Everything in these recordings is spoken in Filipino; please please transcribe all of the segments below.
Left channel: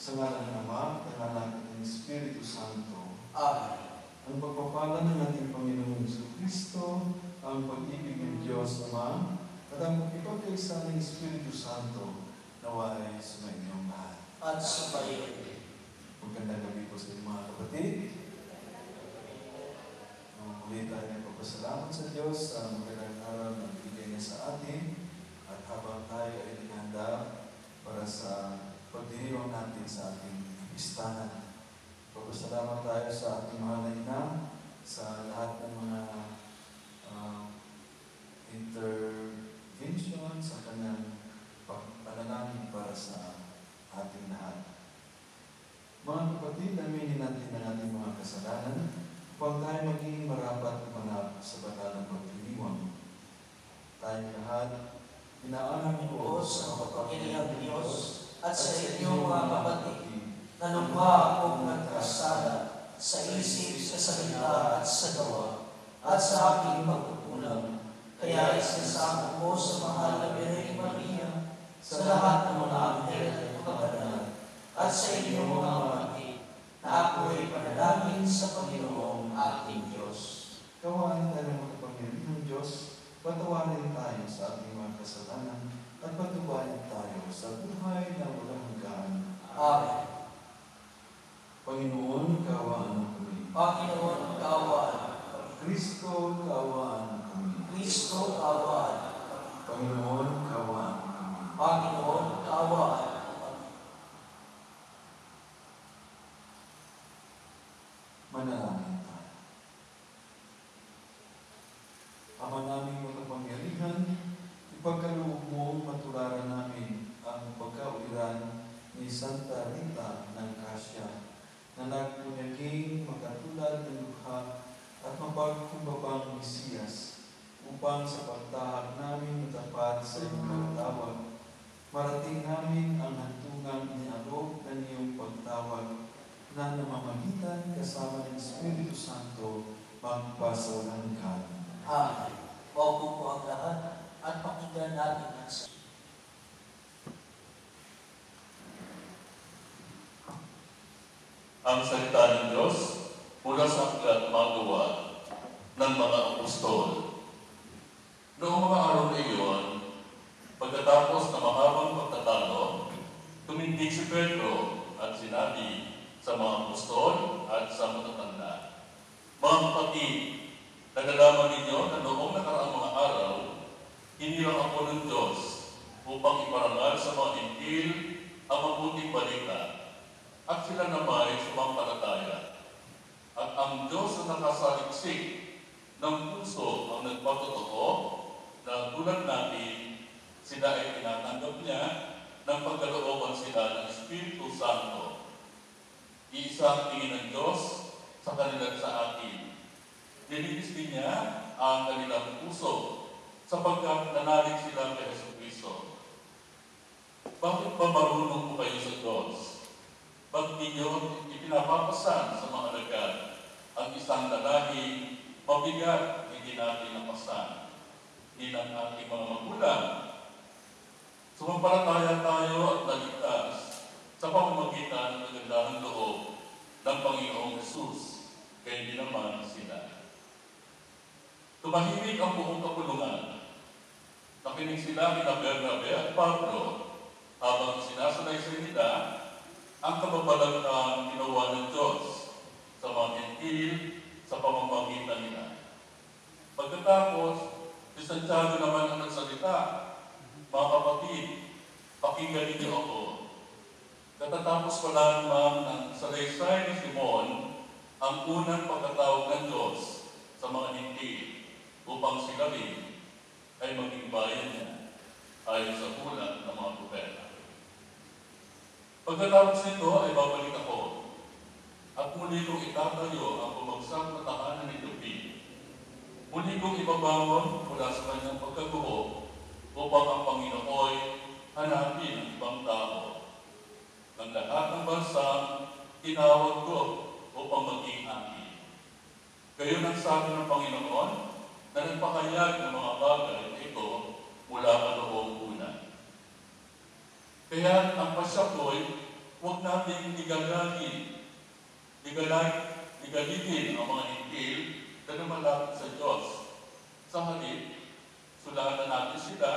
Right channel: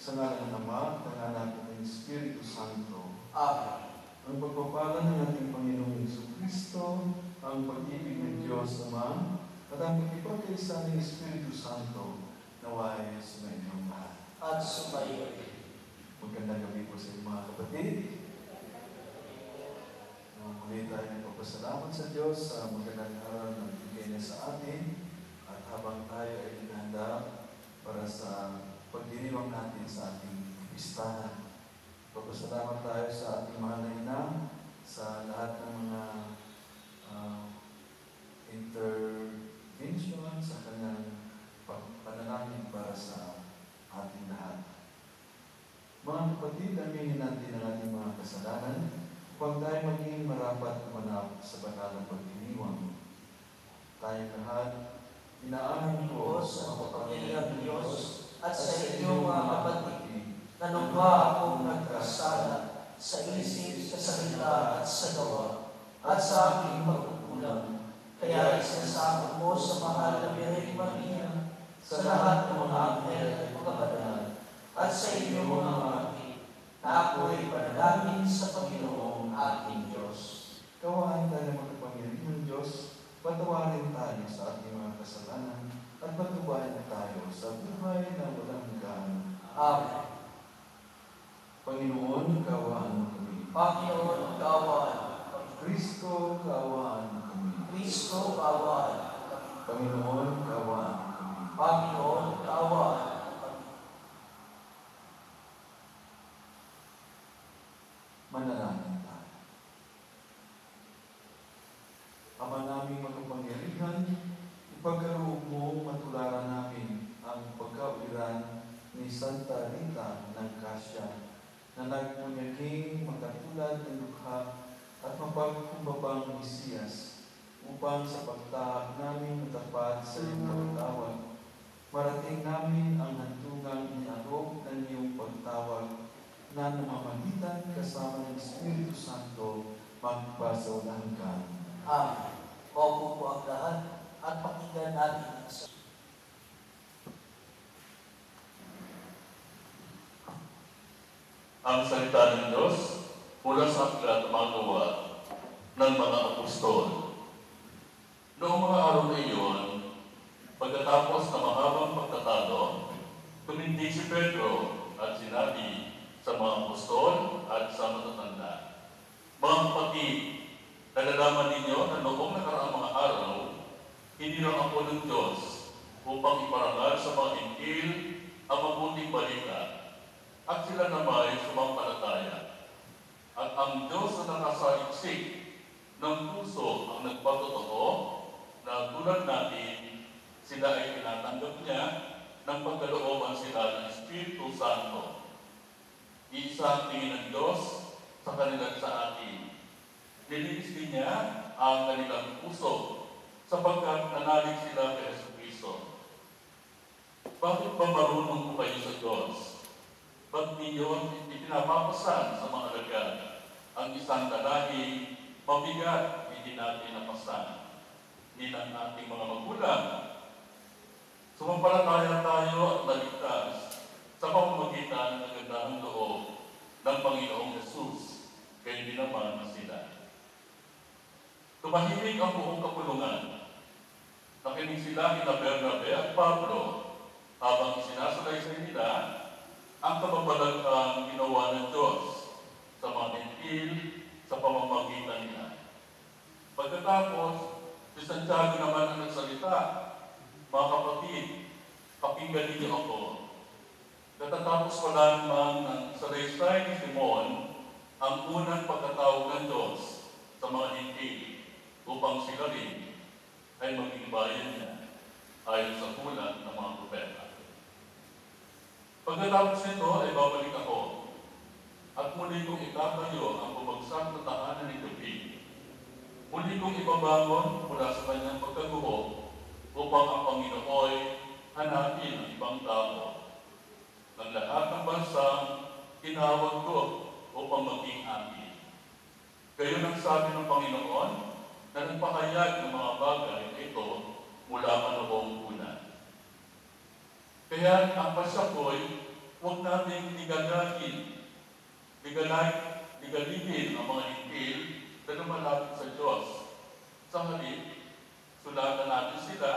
Sa ngalan ng Ama, ng Anak, at ng Espiritu Santo. Amen. Ang pagpapala ng ating Panginoong Jesucristo, ang pag-ibig ng Diyos Ama, at ang pagkipagkaisa ng Espiritu Santo, naway sa inyong lahat. At sumayin. Magandang gabi po sa mga kapatid. Muli tayo nagpapasalamat sa Diyos sa magandang araw na bigay niya sa atin, at habang tayo ay naghanda para sa pagdiriwang natin sa ating listahan. Papasalamat tayo sa ating mahal na ina, sa lahat ng mga intervention sa kanyang panalangin para sa ating lahat. Mga kapatid, aminin natin ang ating mga kasalanan upang tayo maging marapat kumanap sa banal na pagdiriwang. Tayong lahat, inaalam ko sa makapangyarihang Diyos at sa inyong mga kapatid, nanumpa akong nagkasala sa isip, sa salita at sa gawa, at sa aking pagkukulang. Kaya isasama ko sa mahal na Birhen Maria, sa lahat ng mga anghel at kabanal, at sa inyong mga kapatid, na ako ay panalangin sa Panginoong ating Diyos. Kawaan tayo ng makapangyarihang Diyos, patawarin tayo sa ating mga kasalanan, at patubayan tayo sa buhay na walang hanggan. Amen. Panginoon, kaawaan mo kami. Panginoon, kaawaan mo kami. Kristo, kaawaan mo kami. Kristo, kaawaan mo kami. Panginoon, kaawaan mo kami. Panginoon, kaawaan mo kami. Manalangin tayo. Ama naming makapangyarihan, ipagkaloob mo matularan namin ang pagkauliran ni Santa Rita ng Cassia na nagmunyaging magkatulad ng lukha at mapagkumbabang Mesiyas upang sa pagtahak namin matapat sa iyong pagtawag. Marating namin ang hantungang inialok ng iyong pagtawag na namamagitan kasama ng Espiritu Santo magpasawalang hanggan. Amen. Opo po ang lahat at pakinggan natin ang ang salita ng Diyos mula sa aklat magawa ng mga apostol. Noong mga araw na iyon, pagkatapos ng mahabang pagtatalo, tumindig si Pedro at sinabi sa mga apostol at sa matatanda, "Mga kapatid, nalalaman ninyo na noong nakaraang mga araw, hinilang ako ng Diyos upang iparangal sa mga intil ang mabuting balita, at sila naman ay sumampalataya. At ang Diyos na nakasaliksik ng puso ang nagpatotoo na tulad natin, sila ay tinatanggap niya ng pagkalooban sila ng Espiritu Santo. Iisa ang tingin ng Diyos sa kanila sa atin. Nilinis din niya ang kanilang puso sapagkat nanalig sila kay Jesucristo. Bakit ba marunong po kayo sa Diyos? Ba't ninyo ipinapapasan sa mga alagad ang isang lalaki mabigat hindi natin napasan? Hindi ng ating mga magulang. Sumampalataya tayo at naligtas sa pamamagitan ng kagandahang loob ng Panginoong Jesus, kaya hindi naman sila. Tumahimik ang buong kapulungan. Nakinig sila kina Bernabe at Pablo habang sinasalaysay nila ang kababalaghan ginawa ng Diyos sa mga Hentil sa pamamagitan nila. Pagkatapos, si Santiago naman ang nagsalita, "Mga kapatid, pakinggan ninyo ako. Katatapos pa lamang ng salaysay ni Simon ang unang pagkatawag ng Diyos sa mga Hentil upang sila rin ay maging bayan niya ayon sa hula ng mga propeta. Pagkatapos nito ay babalik ako at muli kong itatayo ang bumagsak na tahanan ni David. Muli kong ibabangon mula sa kanyang pagkaguho upang ang Panginoon hanapin ang ibang tao. Ang lahat ng bansa tinawag ko upang maging akin. Gayon ang sabi ng Panginoon na nagpahayag ng mga bagay na ito mula noong una. Kaya ang pasya ko'y huwag nating ligaligin ang mga Hentil na lumalapit sa Diyos. Sa halip, sulatan natin sila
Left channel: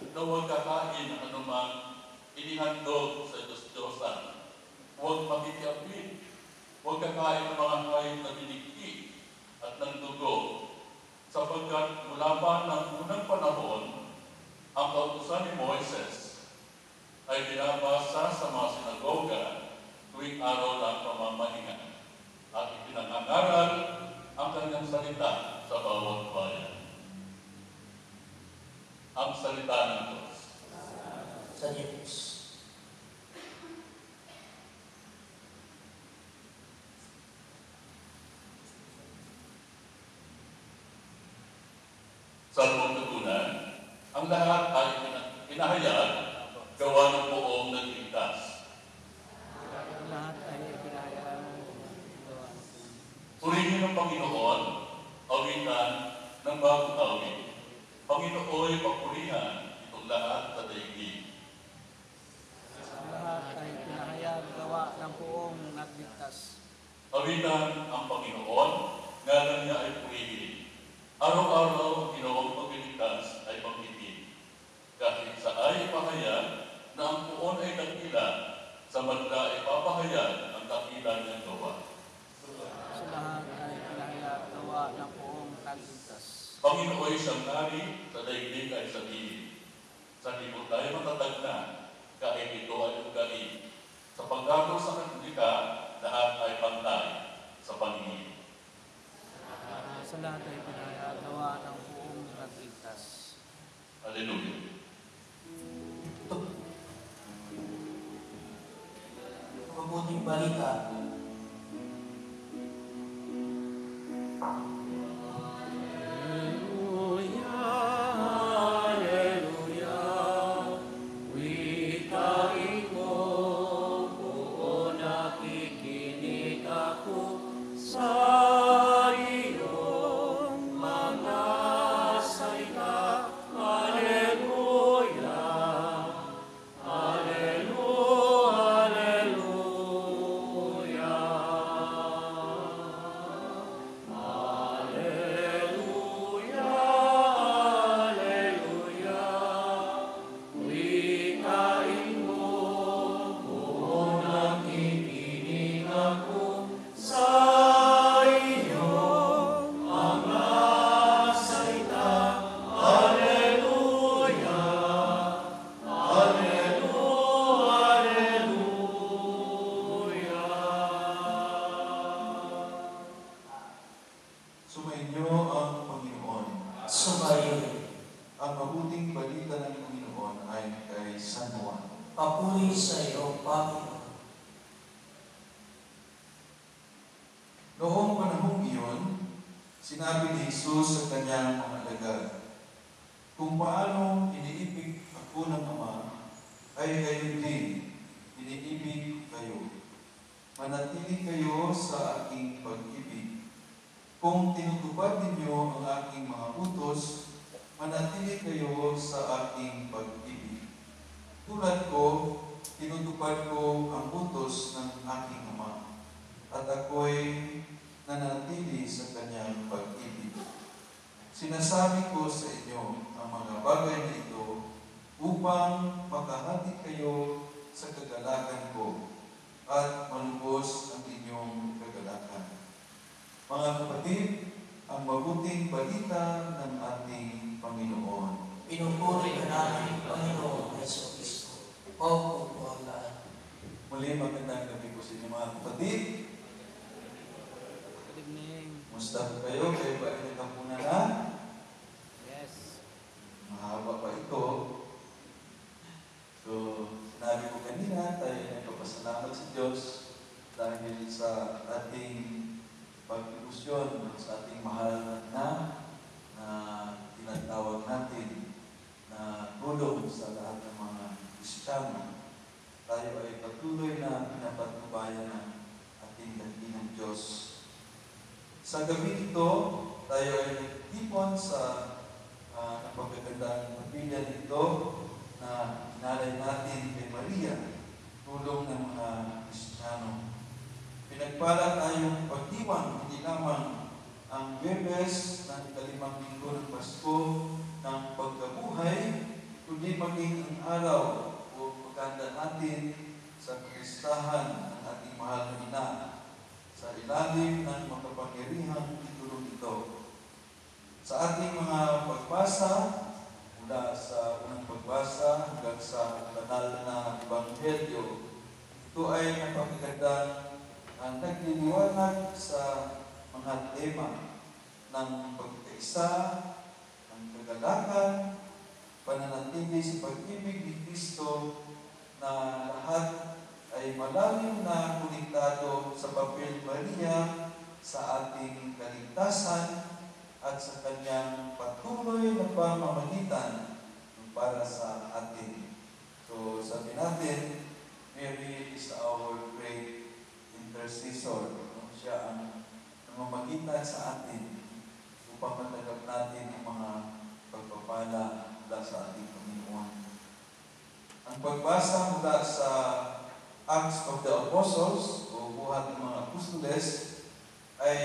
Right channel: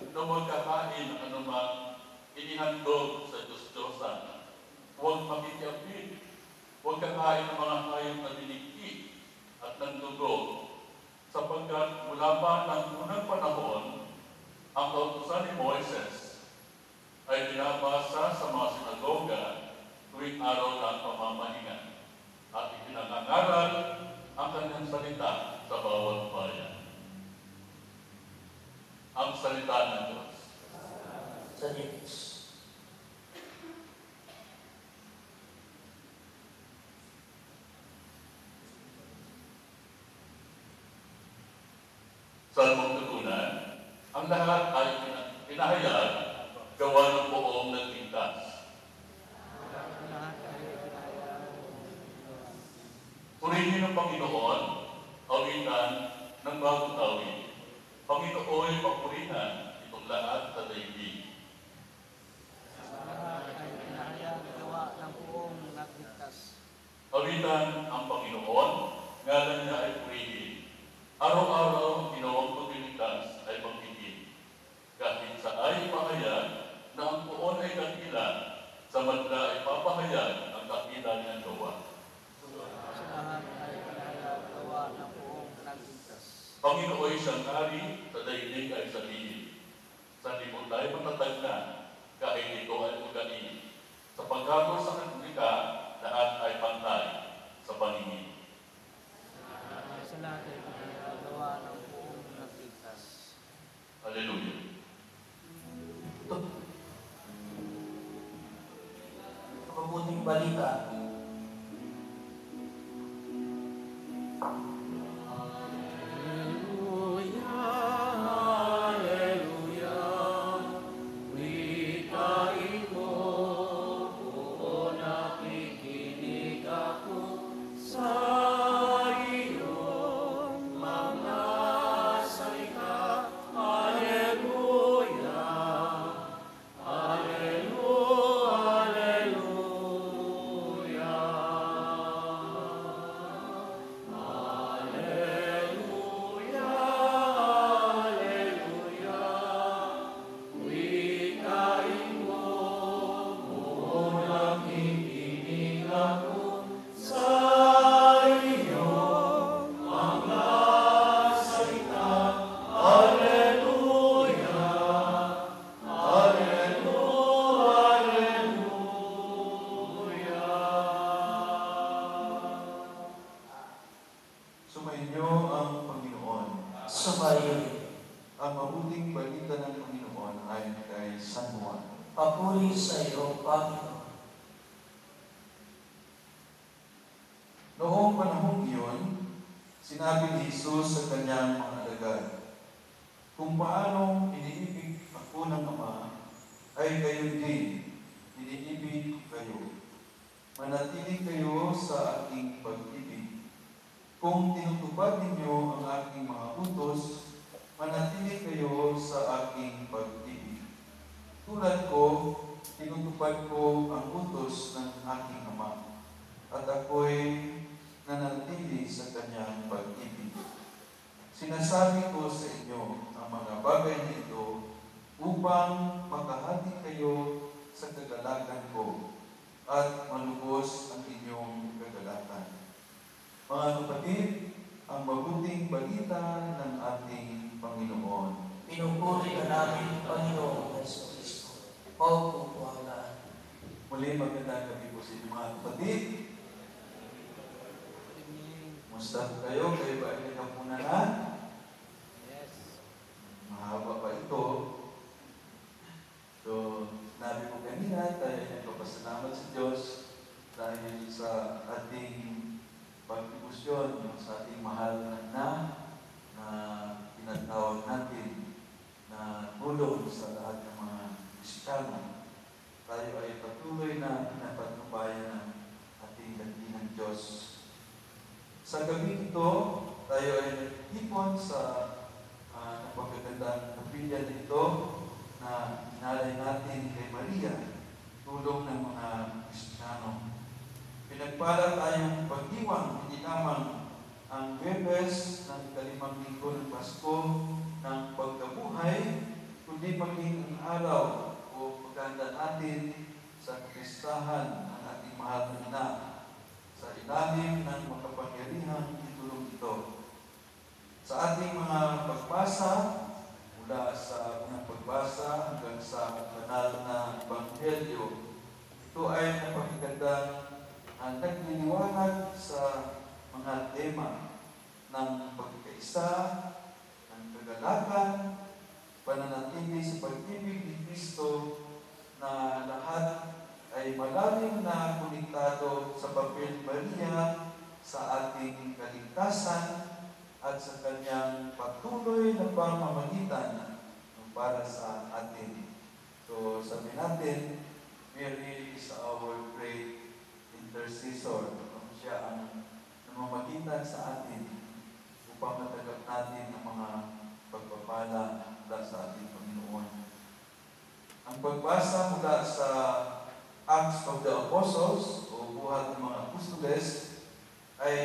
na huwag kakain ng anumang inihandog sa Diyos-Diyosan. Huwag makikiapit. Huwag kakain ng mga hayop na dinikti at ng dugo, sapagkat mula pa ng unang panahon, ang kautusan ni Moises ay binabasa sa mga sinagoga tuwing araw ng pamamahinga at ipinangangaral ang kanyang salita sa bawat bayan. Ang salita ng Diyos. Sa Diyos. Sa tutunan, ang lahat ay pinahayag gawa ng buong nagligtas. Purihin ng Panginoon, awitan ng bagong awit. Panginoon, papurihan itong lahat sa daigdig. Lahat ay pinahayag gawa ng buong nagligtas. Awitan ang Panginoon, ngalan niya ay purihin. Araw-araw ang ginawang pagliligtas ay magbitin. Kahit sa ay pahayag na ang puon ay dakila, sa madla ay papahayag ang dakila niyang gawa. Sa lahat ay pinahayag gawa ng buong nagligtas. Panginoon siyang hari, sa daigdig ay sabihin. Sa libot ay matatag na, kahit ito ay ugali. Sa paggago sa republika, lahat ay pantay sa paningin. Sa lahat ay pinahayag gawa ng buong nagligtas. Hallelujah. Ito. Mabuting balita. Sumainyo ang Panginoon. Subayo. Ang mabuting balita ng Panginoon ay kay San Juan. Papuri sa iyo, Panginoon. Noong panahong iyon, sinabi ni Jesus sa kanyang mga alagad, "Kung paanong iniibig ako ng Ama, ay gayon din, iniibig ko kayo. Manatili kayo sa aking pag-ibig. Kung tinutupad ninyo ang aking mga utos, manatili kayo sa aking pag-ibig. Tulad ko, tinutupad ko ang utos ng aking Ama, at ako'y nanatili sa kanyang pag-ibig. Sinasabi ko sa inyo ang mga bagay na ito upang makahati kayo sa kagalakan ko at malubos ang inyong kagalakan. Mga kapatid, ang mabuting balita ng ating Panginoon. Pinupuri ka namin, Panginoon Yesu Kristo. Paupo po ang lahat. Muli magandang gabi po sa inyo mga kapatid. Good evening. Musta po kayo? Kayo ba ay nagkampunan na? Yes. Mahaba pa ito. So, sinabi ko kanina, tayo nagpapasalamat sa Diyos dahil sa ating pag-iusyon sa ating mahal na tinatawag natin na tulong sa lahat ng mga Kristiyano. Tayo ay patuloy na pinapatnubayan ng ating dakilang Diyos. Sa gabi ito, tayo ay nagtipon sa napagagandang kapilya nito na inalay natin kay Maria, tulong ng mga Kristiyano. Pinagpala tayong pagdiwang, hindi lamang ang Biyernes ng ikalimang linggo ng Pasko ng pagkabuhay, kundi maging ang araw o pagkanda natin sa kapistahan ng ating mahal na ina sa ilalim ng makapangyarihang titulong ito. Sa ating mga pagbasa, mula sa unang pagbasa hanggang sa banal na Ebanghelyo, ito ay napakagandang nagliliwanag sa mga tema ng pagkaisa, ng kagalakan, pananatili sa pag-ibig ni Kristo na lahat ay malalim na konektado sa papel Maria sa ating kaligtasan at sa kanyang patuloy na pamamagitan para sa atin. So, sabi natin, Mary is our great intercessor. Siya ang namamagitan sa atin upang matanggap natin ang mga pagpapala mula sa ating Panginoon. Ang pagbasa mula sa Acts of the Apostles o buhat ng mga apostoles ay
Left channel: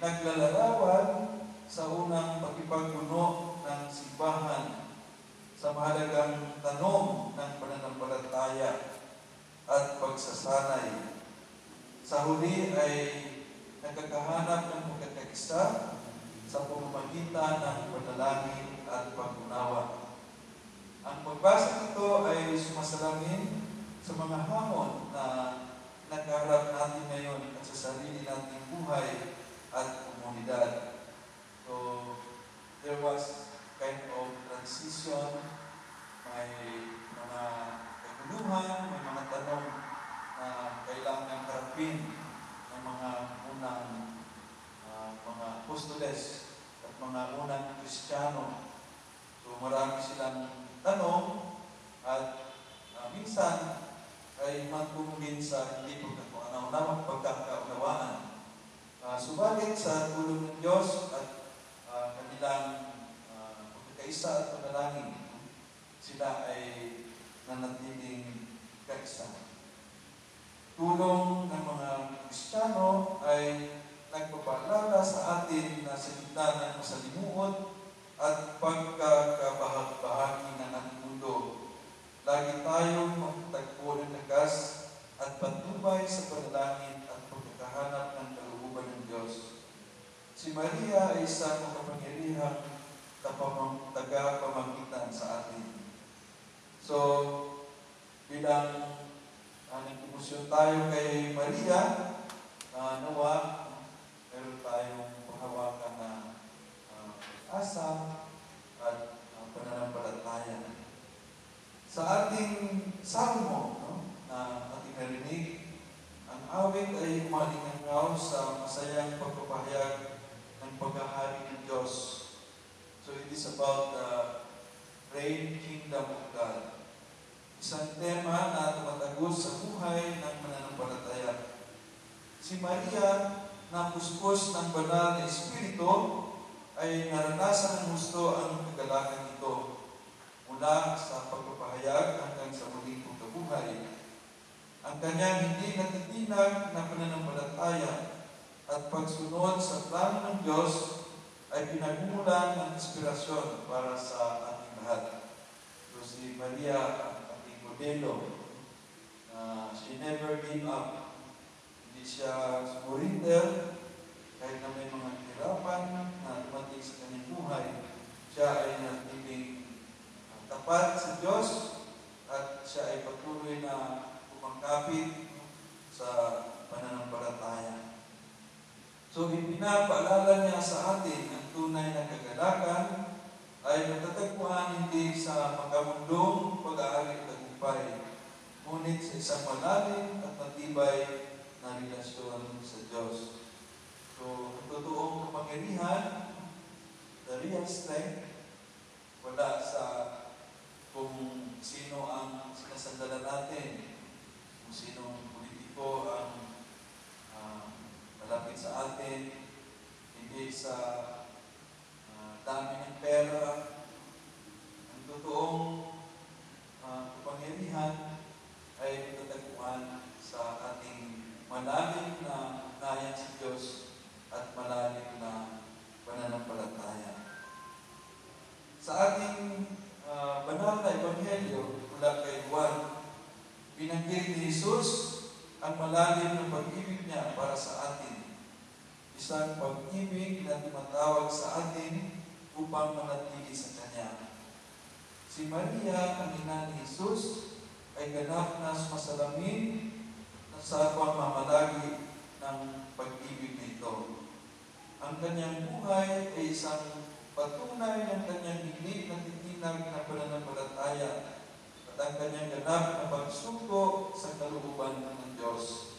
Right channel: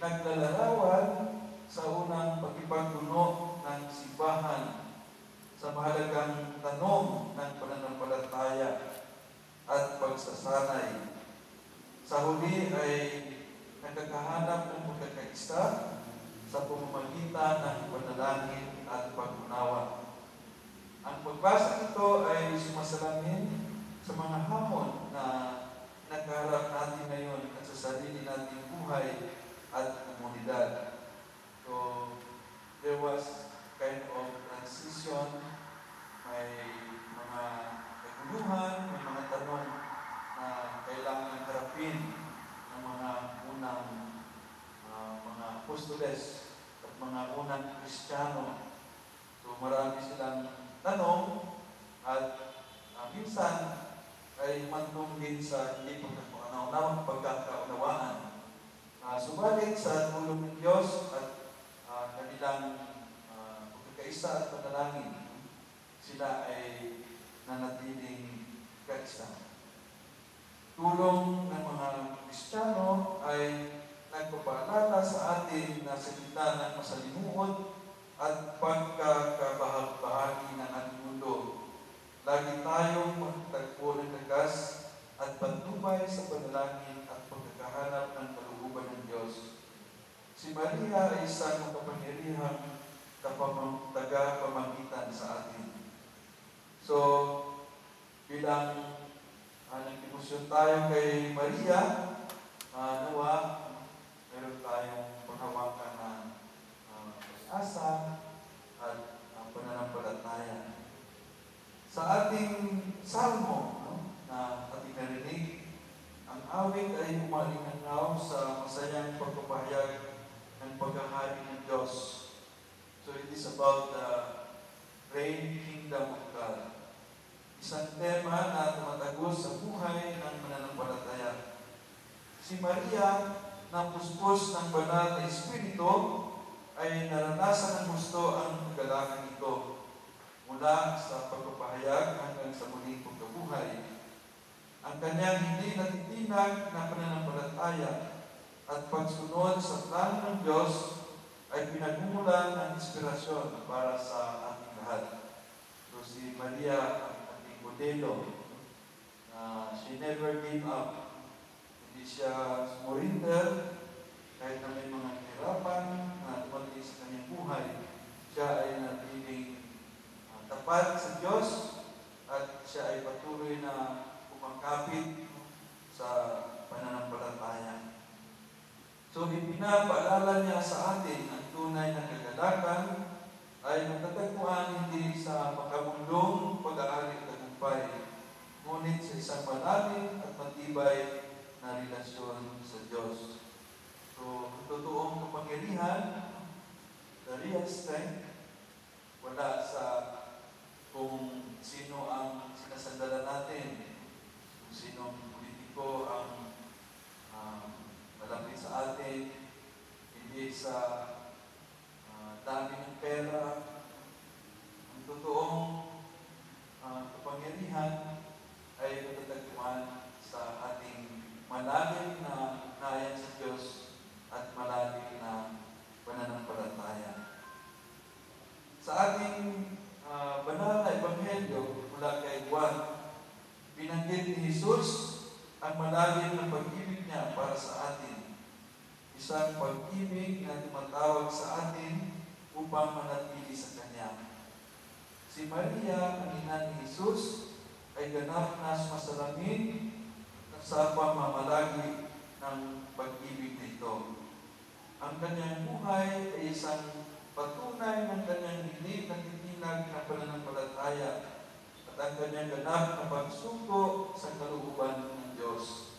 naglalarawan sa unang pagkipagpuno ng simbahan sa mahalagang tanong ng pananampalataya at pagsasanay. Sa huli ay nakakahanap ng pagkakaisa sa pamamagitan ng panalangin at pag-unawa. Ang pagbasa nito ay sumasalamin sa mga hamon na nakaharap natin ngayon at sa sarili nating buhay at komunidad. So, there was kind of transition, may mga kaguluhan, may mga tanong na kailangan harapin ng mga unang mga apostoles at mga unang Kristiyano. So marami silang tanong at minsan ay mantungin sa hindi pagkakaunawaan. Subalit sa tulong ng Diyos at kanilang pagkakaisa at panalangin, sila ay nanatiling kaisa. Tulong ng mga Kristiyano ay nagpapaalala sa atin na sa gitna ng masalimuot at pagkakabahagi ng ating mundo, lagi tayong magtagpo ng lakas at patnubay sa panalangin at pagkakahanap ng kalooban ng Diyos. Si Maria ay isang makapangyarihang tagapamagitan sa atin. So, bilang nag-emosyon tayo kay Maria, nawa, meron tayong panghawakan na asa at pananampalataya. Sa ating salmo na ating narinig, ang awit ay umalingangaw sa masayang pagpapahayag ng paghahari ng Diyos. So it is about the reign kingdom of God. Isang tema na tumatagos sa buhay ng mananampalataya. Si Maria, na puspos ng banal na Espiritu, ay naranasan ng gusto ang kagalakan ito mula sa pagpapahayag hanggang sa muling pagkabuhay. Ang kanyang hindi natitinag na pananampalataya at pagsunod sa plano ng Diyos ay pinagmumulan ng inspirasyon para sa ating lahat. So si Maria, ang ating modelo, she never gave up. Hindi siya sumurinder kahit na may mga kahirapan na dumating sa kanyang buhay. Siya ay natiling tapat sa Diyos at siya ay patuloy na kumangkapit sa pananampalataya. So, ipinapaalala niya sa atin ang tunay na kagalakan ay matatagpuan hindi sa pagkamundong pag-aaring tagumpay, ngunit sa isang malalim at matibay na relasyon sa Diyos. So, ang totoong kapangyarihan, the real strength, wala sa kung sino ang sinasandalan natin, kung sino ang politiko ang malapit sa atin, hindi sa dami ng pera. Ang totoong kapangyarihan ay matatagpuan sa ating malalim na ugnayan sa Diyos at malalim na pananampalataya. Sa ating banal na ebanghelyo mula kay Juan, binanggit ni Jesus ang malalim na pag-ibig niya para sa atin. Isang pag-ibig na tumatawag sa atin upang manatili sa Kanya. Si Maria, ang ina ni Jesus, ay ganap na masalamin sa pamamalagi ng pag-ibig na ito. Ang kanyang buhay ay isang patunay ng kanyang dinig na titinag ng pananampalataya at ang kanyang ganap na pagsuko sa kalooban ng Diyos.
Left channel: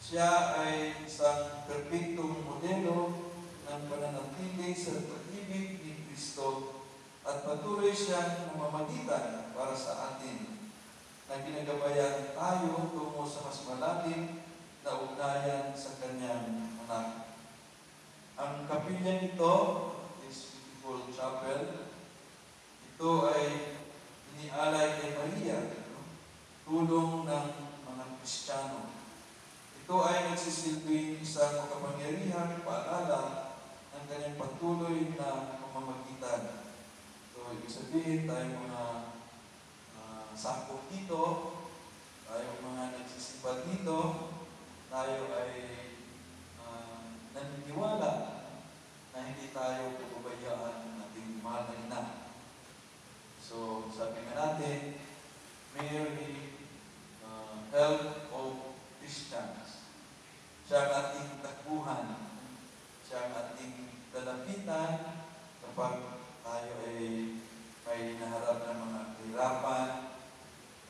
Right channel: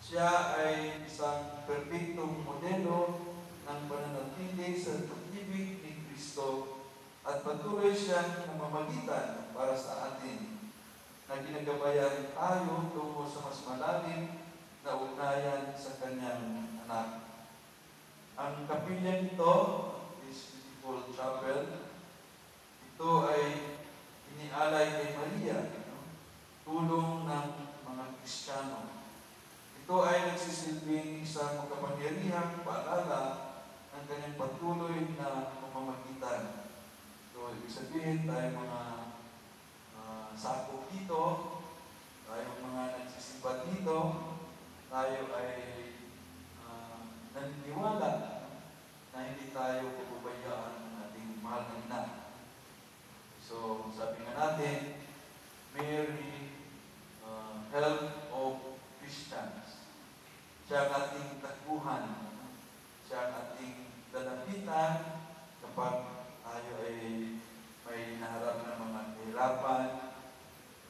Siya ay isang perpektong modelo ng pananatili sa pag-ibig ni Kristo at patuloy siyang namamagitan para sa atin na ginagabayan tayo tungo sa mas malalim na ugnayan sa kanyang anak. Ang kapilya nito, this beautiful chapel, ito ay inialay kay Maria, tulong ng mga Kristiyano. Ito ay nagsisilbing isang makapangyarihang paalala ng kanyang patuloy na pamamagitan. So, ibig sabihin tayo mga sakop dito, tayo mga nagsisipa dito, tayo ay naniniwala na hindi tayo pababayaan ng ating mahal na ina. So, sabi nga natin, Mary, help of Christians. Siya ang ating takbuhan. Siya ang ating lalapitan kapag tayo ay may naharap na mga kahirapan,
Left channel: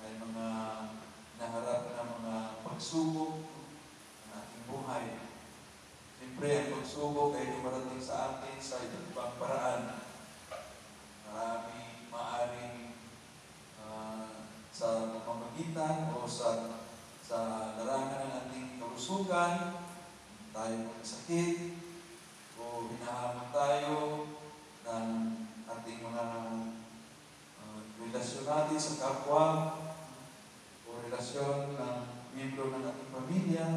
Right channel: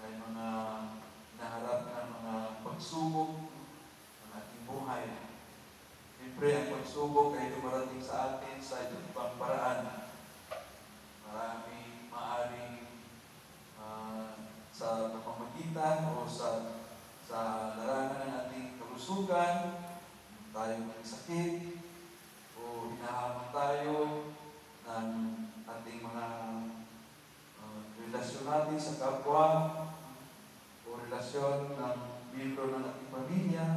may mga naharap na mga pagsubok ng ating buhay. Siyempre, ang pagsubok ay dumarating sa atin sa ibang paraan. Maaring sa pamamagitan o sa larangan ng ating kalusugan, tayo magsakit, o hinahamon tayo ng ating mga relasyon natin sa kapwa, o relasyon ng miyembro ng ating pamilya.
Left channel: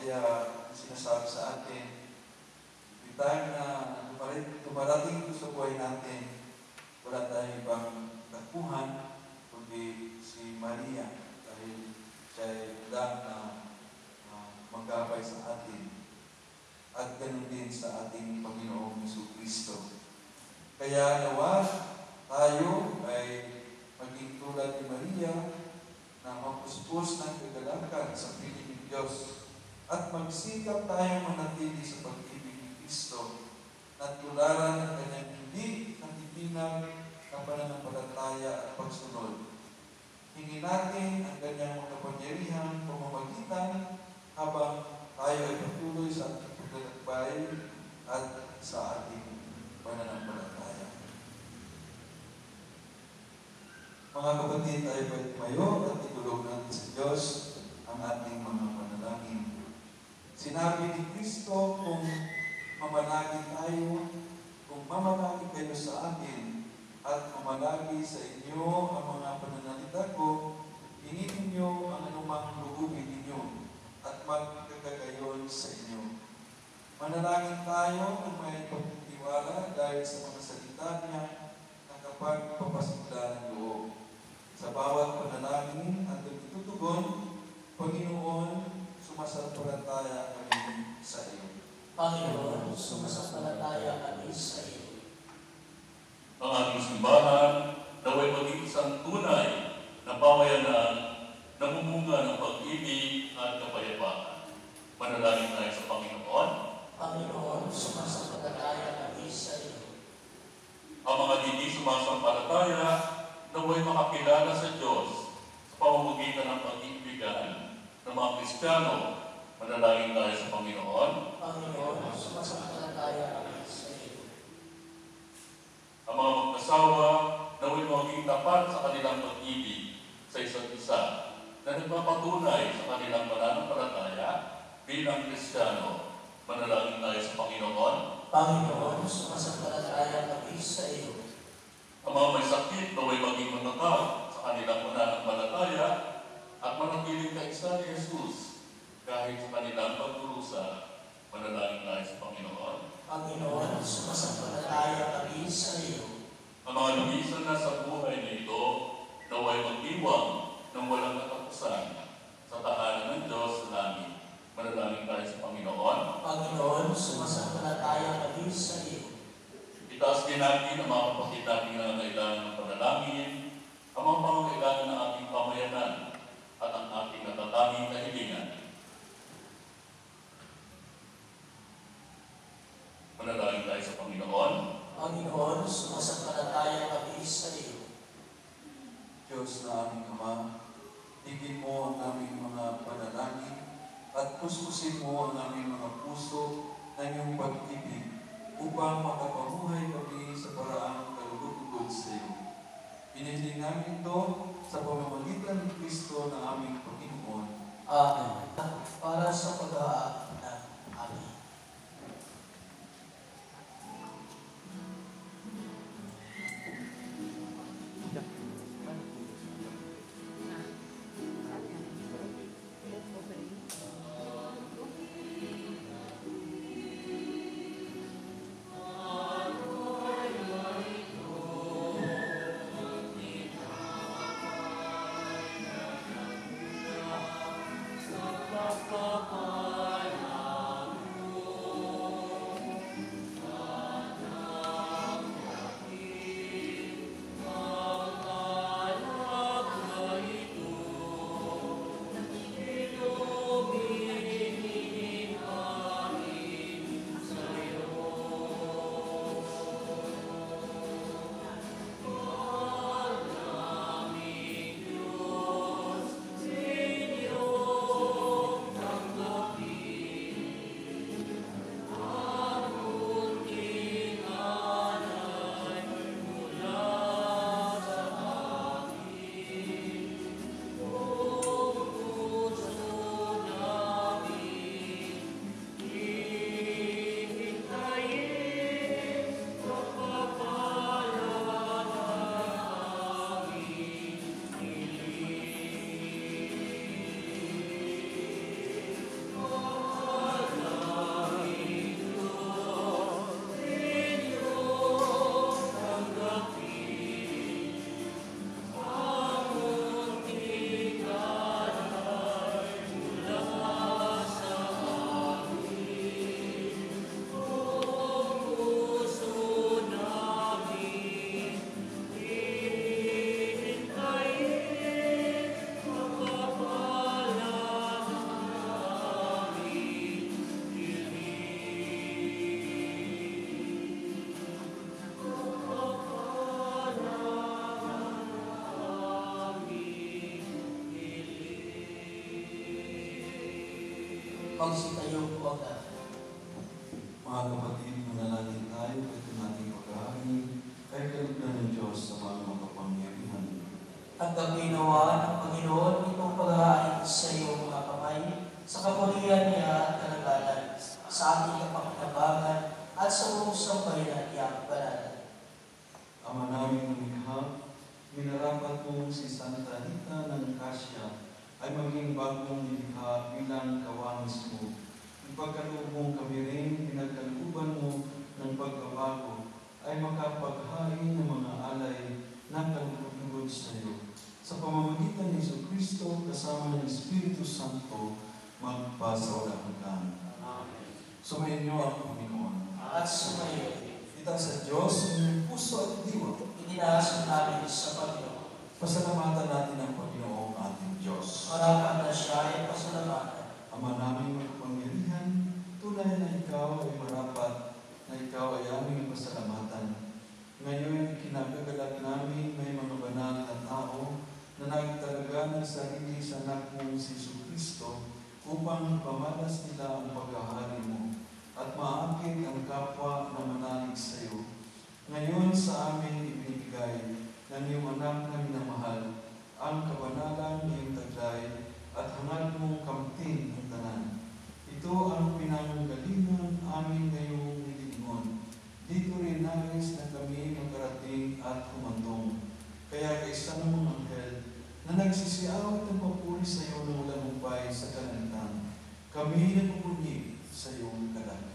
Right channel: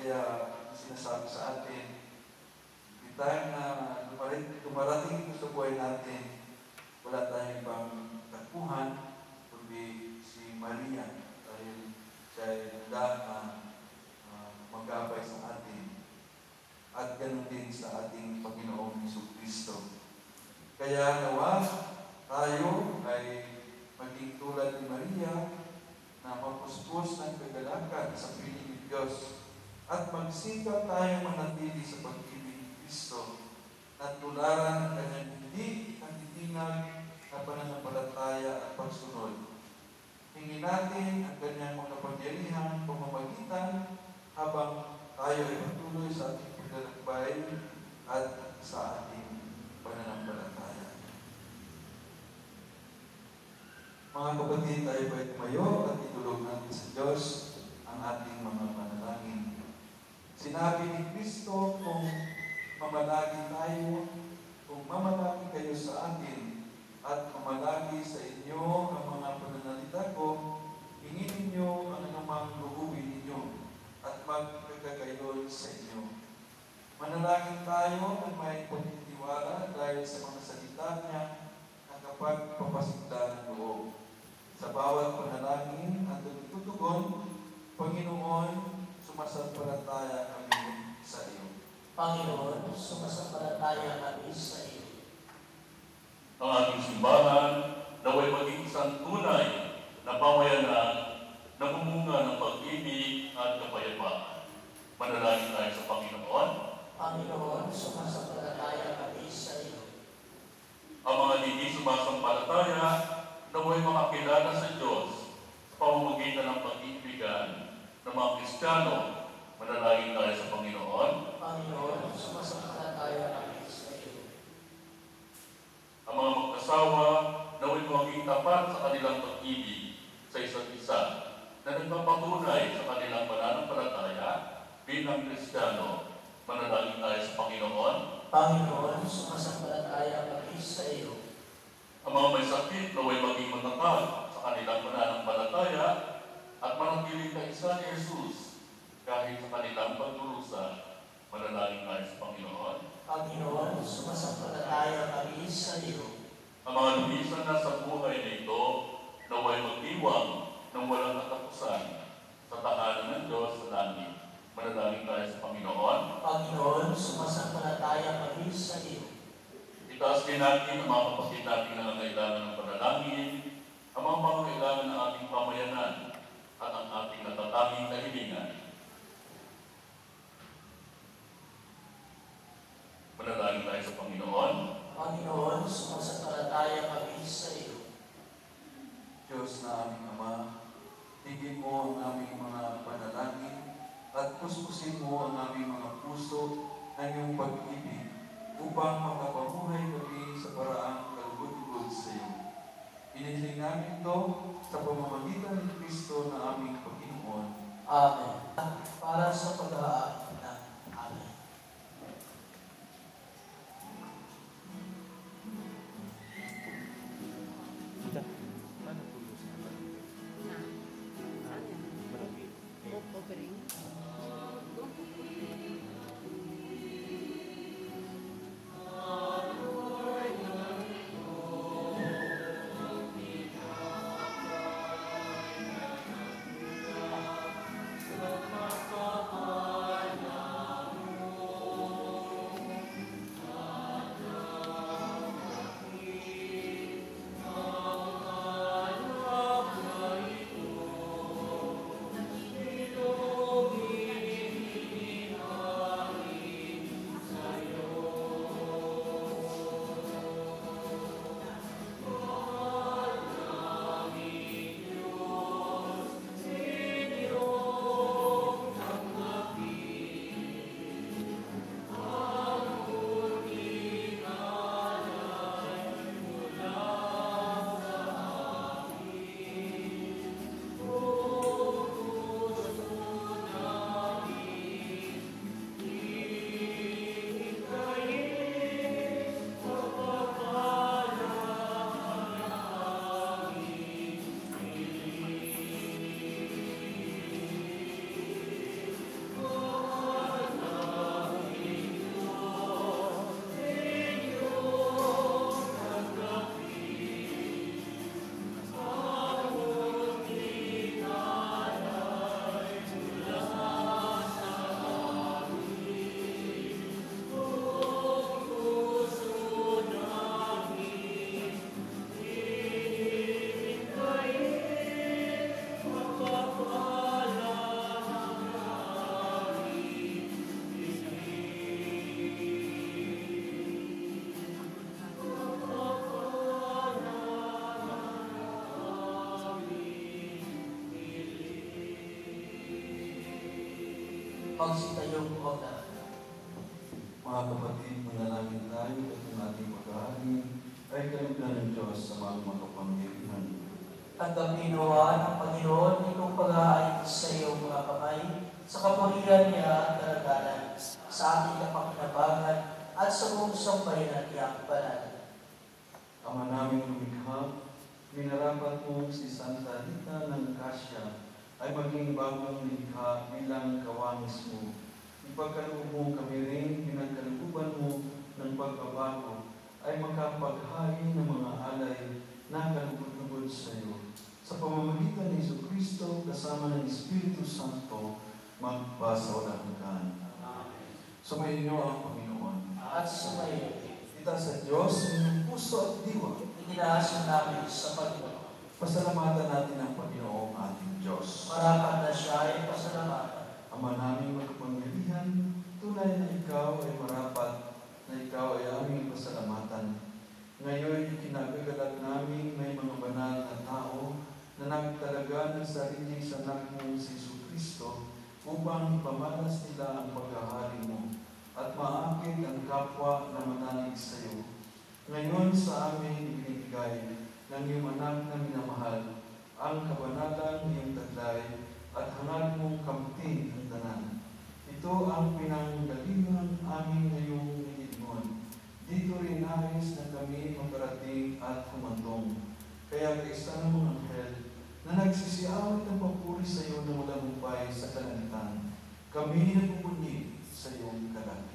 Kaya sinasabi sa atin, may time na dumarating ito sa buhay natin, wala tayong ibang takbuhan, kundi si Maria, dahil siya ay handa na magkabay sa atin. At ganun din sa ating Panginoong Jesucristo. Kaya nawa tayo ay maging tulad ni Maria na mapuspos ng kagalakan sa piling ng Diyos at magsikap tayo manatili sa pag-ibig ni Kristo at tularan ang kanyang hindi natitinag na pananampalataya at pagsunod. Hingin natin ang kanyang makapangyarihang pamamagitan habang tayo ay patuloy sa ating paglalakbay at sa ating pananampalataya. Mga kapatid, tayo po ay tumayo at itulog natin sa Diyos ang ating mga panalangin. Sinabi ni Kristo, kung mamalagi tayo, kung mamalagi kayo sa akin, at mamalagi sa inyo ang mga pananalita ko, hingin ninyo ang anumang lugubin ninyo, at magkakagayon sa inyo. Manalangin tayo ng may pagtitiwala pananampalataya kami sa iyo. Ang ating simbahan naway maging isang tunay na pamayanan na mumunga ng pag-ibig at kapayapaan. Manalangin tayo sa Panginoon. Panginoon, sumasampalataya kami sa iyo. Ang mga hindi sumasampalataya naway makakilala sa Diyos sa pamamagitan ng pag-ibigan ng mga Kristiyano. Manalangin tayo sa Panginoon. Panginoon, sumasampalataya kami sa iyo. Ang mga mag-asawa naway maging tapat sa kanilang pag-ibig sa isa't isa na nagpapatunay sa kanilang pananampalataya bilang Kristiyano. Manalangin tayo sa Panginoon. Panginoon, sumasampalataya kami sa iyo. Ang mga may sakit naway maging matatag sa kanilang pananampalataya at manatiling kaisa ni Jesus kahit sa kanilang pagdurusa. Manalangin tayo sa Panginoon. Panginoon, sumasampalataya kami sa iyo. Ang mga lumisan na sa buhay nito naway magdiwang ng walang katapusan sa tahanan ng Diyos sa langit. Manalangin tayo sa Panginoon. Panginoon, sumasampalataya kami sa iyo. Itaas din natin ang mga kapatid natin na nangangailangan ng panalangin, ang mga pangangailangan ng ating pamayanan at ang ating natatanging kahilingan. Manalangin tayo sa Panginoon. Panginoon, sumasampalataya kami sa iyo. Diyos na aming Ama, tigin mo ang aming mga panalangin at kuskusin mo ang aming mga puso na iyong pag-ibig upang makapamuhay kami sa paraang kalugod-lugod sa iyo. Inihiling namin ito sa pamamagitan ni Kristo na aming Panginoon. Amen. Para sa pag-aaral na. Amen. Magsitayo po ang lahat. Mga kapatid, manalangin tayo at ang ating pag-aaral ay kalugdan ng Diyos sa mga makapangyarihan. Tanggapin nawa ng Panginoon itong pag-aayos sa iyong mga kamay, sa kapurihan niya at karagalan, sa ating kapakinabangan at sa buong sambayanan niyang banal. Ama namin lumikha, minarapat mo si Santa Rita ng Cassia ay maging bagong nilikha bilang kawamis mo. Ipagkaloob mo kami rin, pinagkalooban mo ng pagbabago ay makapaghain ng mga alay ng kalugod-lugod sa iyo. Sa pamamagitan ni Jesucristo kasama ng Espiritu Santo, magpasawalan hanggan. Sumayin niyo ang Panginoon. At sumayo Itaas sa Diyos ang iyong puso at diwa. Itinaas namin sa Panginoon. Pasalamatan natin ang Panginoong ating Diyos. Marapat na siya ay pasalamatan. Ama naming makapangyarihan, tunay na ikaw ay marapat, na ikaw ay aming pasalamatan. Ngayon, kinagagalak namin may mga banal na tao na nagtalaga ng sarili sa anak mong si Jesucristo upang pamalas nila ang pagkahari mo at maakit ang kapwa na manalig sa iyo. Ngayon sa amin ibinigay ng iyong anak na minamahal ang kabanalan niyong taglay at hangad mong kamtin ang tanan. Ito ang pinanggalingan amin ngayong nilingon. Dito rin nais na kami magkarating at humantong. Kaya kaisa ng mga anghel na nagsisiawit ang papuri sa iyo ng malamumpay sa kalangitan, kami nagpupunyi sa iyong kalakitaan.